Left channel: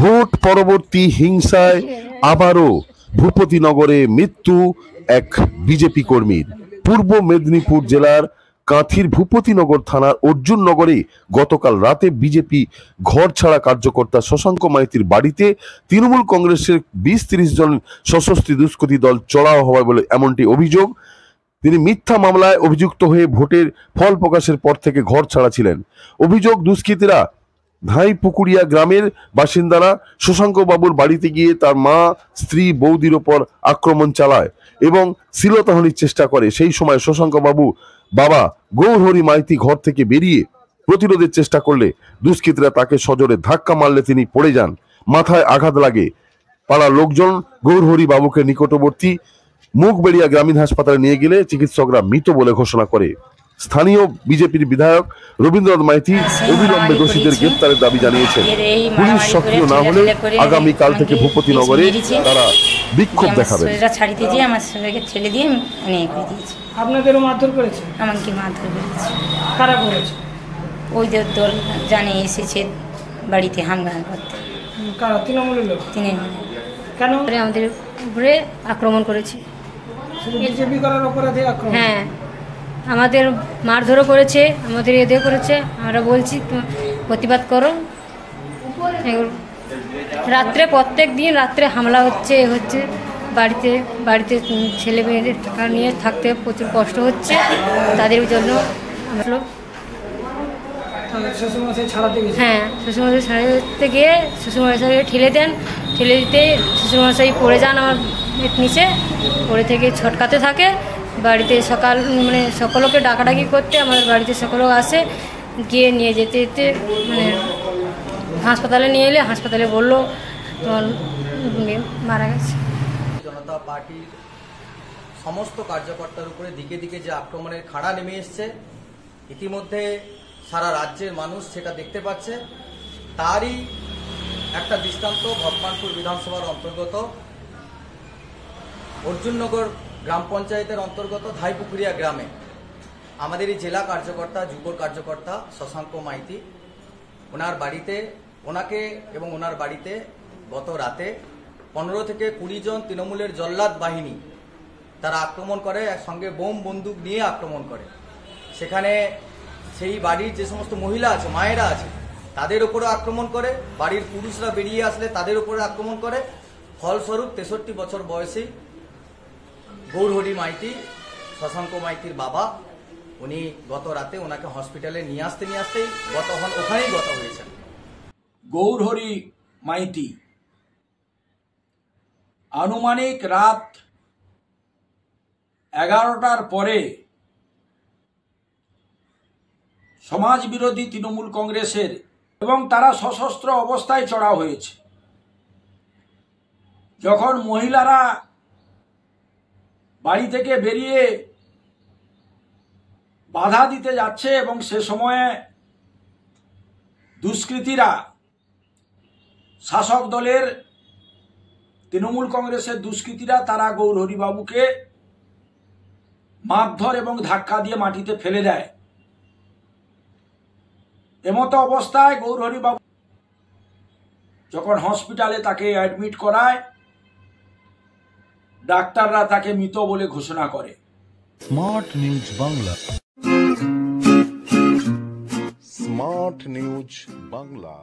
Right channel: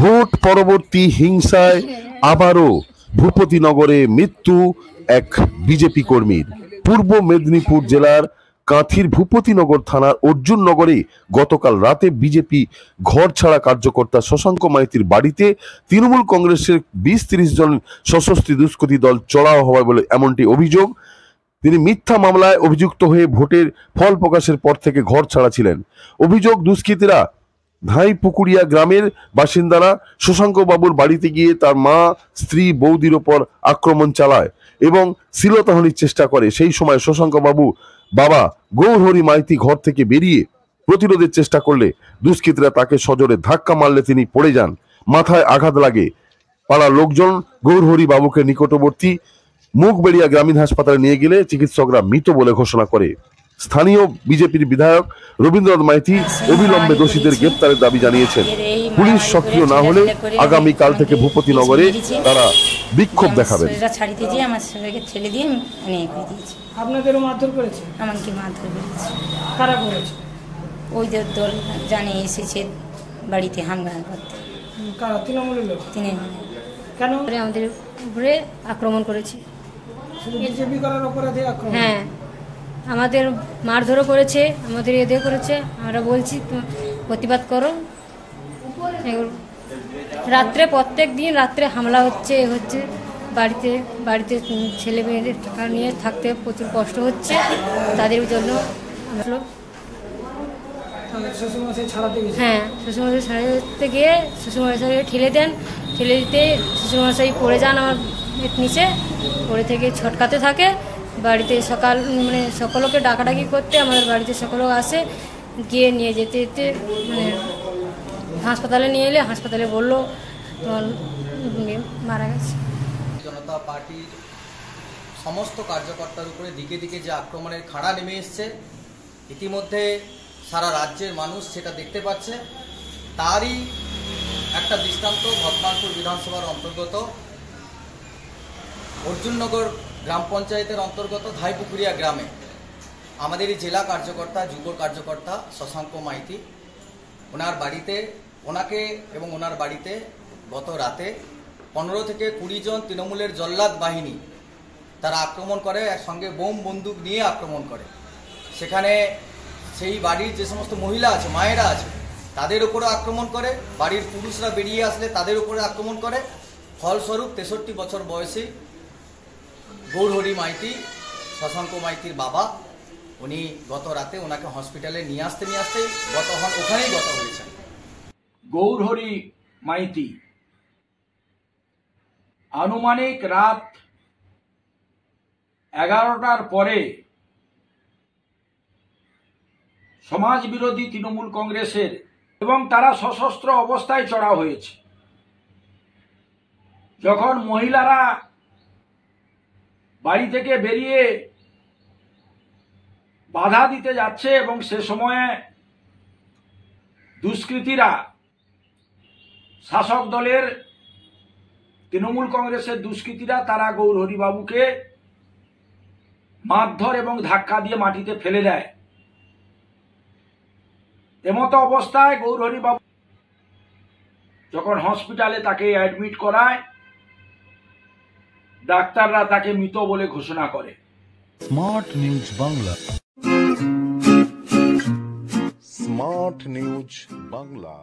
Vote পরবর্তী হিংসায় আবারও ভূপতিনগরে মৃত্যু এক বিজেপি কর্মীর। পূর্ব মেদিনীপুর জেলার কাঁথির ভূপতিনগর থানার অর্জুননগরে গতকাল রাতে বিজেপি ঘর ছাড়া কার্যকর্তা শশাঙ্ক মাইতির বাড়িতে তৃণমূল কংগ্রেসের 20-30 জন সশস্ত্র দুষ্কৃতী দল চড়াও হয় বলে এমনটি অভিযোগ। তিনি মিথ্যা মামলায় অভিযুক্ত হয়ে ভোটের ফল প্রকাশের পর থেকে ঘর ছাড়া ছিলেন। অভিযোগ, দুষ্কৃতীরা ধাইপুকুরিয়া গ্রামের বাসিন্দারা শশাঙ্ক বাবুর বাড়িতে গিয়ে তার মা, স্ত্রী, বৌদির ওপর আক্রমণ চালায় এবং শ্লীলতাহানির চেষ্টা করে। সেই সময় শশাঙ্ক বাবু বাবা গৌরহরি মাইতি ঘর থেকে বেরিয়ে প্রতিরোধের চেষ্টা করলে দুষ্কৃতীরা তাকে সজোরে ধাক্কা মারলে তিনি পড়ে যান, মাথায় আঘাত লাগে। পাড়ার লোকজন গৌরহরি বাবুকে নিকটবর্তী মুখবেড়িয়া গ্রামীণ হাসপাতালে নিয়ে গেলে চিকিৎসকরা মৃত বলে ঘোষণা করে। স্থানীয় বিজেপির বিধায়ক রবীন্দ্রনাথ মাইতি অবিলম্বে দোষীদের গ্রেপ্তারের দাবি জানিয়েছেন। পুলিশ সক্রিয় না হলে আগামীকাল থেকে ভূপতিনগরে তারা বিক্ষোভ দেখাবেন। আপনাদেরও মারধর করেছে? আমাকে মারধর করেছে। কারা করেছে? ওই যে দল জানে এসেছে বাড়িতে হামলা করতে। কারা? তৃণমূলের লোক? তৃণমূল। কেন? আমাদের উপরে আক্রমণ করেছে। বিজেপি করার অপরাধে আক্রমণ? হ্যাঁ, আমাদের মারধরও করেছে, আমাদের এদের করেছে। আমরা বলছি প্রতিবাদ করো। রাত্রে প্রত্যেক দিন রাত্রে হামলা হচ্ছে বাড়িতে বাড়িতে ছেলে মেয়েদের টাকা নিয়ে থাকতে প্রচুর কষ্ট হচ্ছে। তাদের জন্য শ্বশুরমশাই ছাড়াতে গেছে? হ্যাঁ, শ্বশুরমশাই ছাড়াতে গিয়ে শ্বশুরমশাই ঠেলে দেন। ঠেলে দিতে শ্বশুরমশাই পড়ে যান আমার নিচে, পড়ে থেকে ছটকাতে থাকে। বাড়িতে সকলকে ডাকাডাকি করতে আমাদের বাড়িতে সকলেও আসে, গিয়ে নিয়ে যেতে যেতে হাসপাতালে নিয়ে এলে হাসপাতালে বললো তোমার মারা গেছে। জনতা পার্টির সমস্ত কার্যকর্তার উপরে দিকে দিকে যে আক্রমণের খাড়া নেমে এসছে, ইতিমধ্যে সারা রাজ্যের মানুষ সেটা দেখতে পাচ্ছে। তারই একটা দৃষ্টান্ত ভগবানপুর বিধানসভার অন্তর্গত অর্জুননগর গ্রাম পঞ্চায়েতের অন্তর্গত ধাইপুকুরিয়া গ্রামে আমাদেরই জেলা কার্যকর্তা, যুব কার্যকর্তা শশাঙ্ক মাইতি, ওনাকে এবং ওনার বাড়িতে গত রাতে 15 থেকে 20 জন তৃণমূলের জল্লাদ বাহিনী তারা আক্রমণ করে, একসঙ্গে বোম বন্দুক নিয়ে আক্রমণ করে। সেখানে সেই বাড়ির যে সমস্ত মহিলা আছে, মায়েরা আছে, তাদের উপরে আক্রমণ করে। বাড়ির পুরুষরা বেরিয়ে আসলে তাদের উপরে আক্রমণ করে। ফলস্বরূপ 63 বছর বয়সী গৌরহরি মাইতি, শশাঙ্ক মাইতির বাবা, উনি গত রাতে ওনাকে হসপিটালে নিয়ে আসতেই ওখানেই গত হয়েছেন। গৌরহরি মাইতি আনুমানিক রাত 11টার পরে সমাজ বিরোধী তৃণমূল কংগ্রেসের এবং তারা সশস্ত্র অবস্থায় চড়াও হয়েছে। যখন মহিলারা বাড়ি থেকে বেরিয়ে বাধা দিতে যাচ্ছে এবং সে সময়ে দুষ্কৃতীরা শাসক দলের তৃণমূল কংগ্রেসের দুষ্কৃতীরা তারা গৌরহরি বাবুকে মারধর এবং ধাক্কা দিয়ে মাটিতে ফেলে দেয়। এমতো অবস্থায় গৌরহরি বাবু যখন হসপিটালে তাকে অ্যাডমিট করায়, ডাক্তাররা তাকে মৃত বলে ঘোষণা করে। Smart news Bangla, smart news Bangla.